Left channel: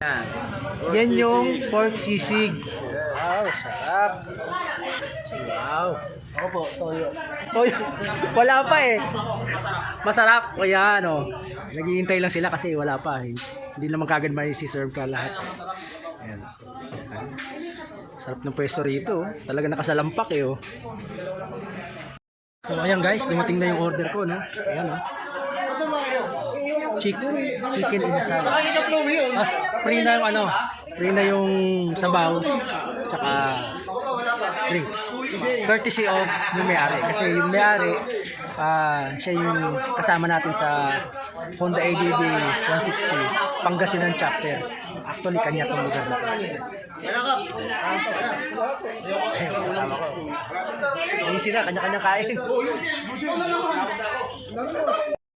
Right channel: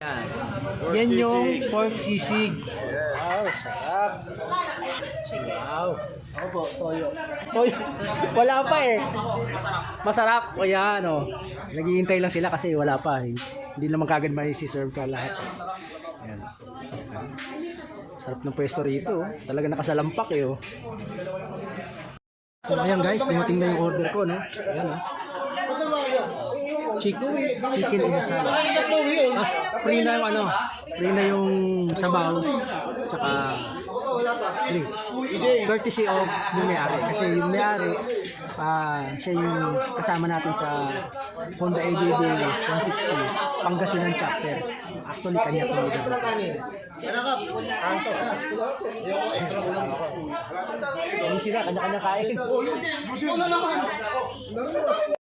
Yan. Yan yung pork sisig. Wow, sarap. Wow. Opo, toyo. Toyo. Wala pa eh. Masarap. O yan o. Naghihintay lang sila kasi wala pa. Hindi lang magkagad ba yung si-serve ka lahat. Ayan. Sarap ng pwesto rito. Talaga nakasalampak eh. Oh. So ayan guys, dumating na yung order ko, no? Ayan o. Chicken inasal. Mas free na yung ano, free na yung sabaw, tsaka drinks. Courtesy of yung may-ari. Kasi yung may-ari, siya yung kasama natin sa Honda ADV 160 Pangasinan chapter. Actually, kanya itong kasama ko. Easy na, kanya-kanya kain.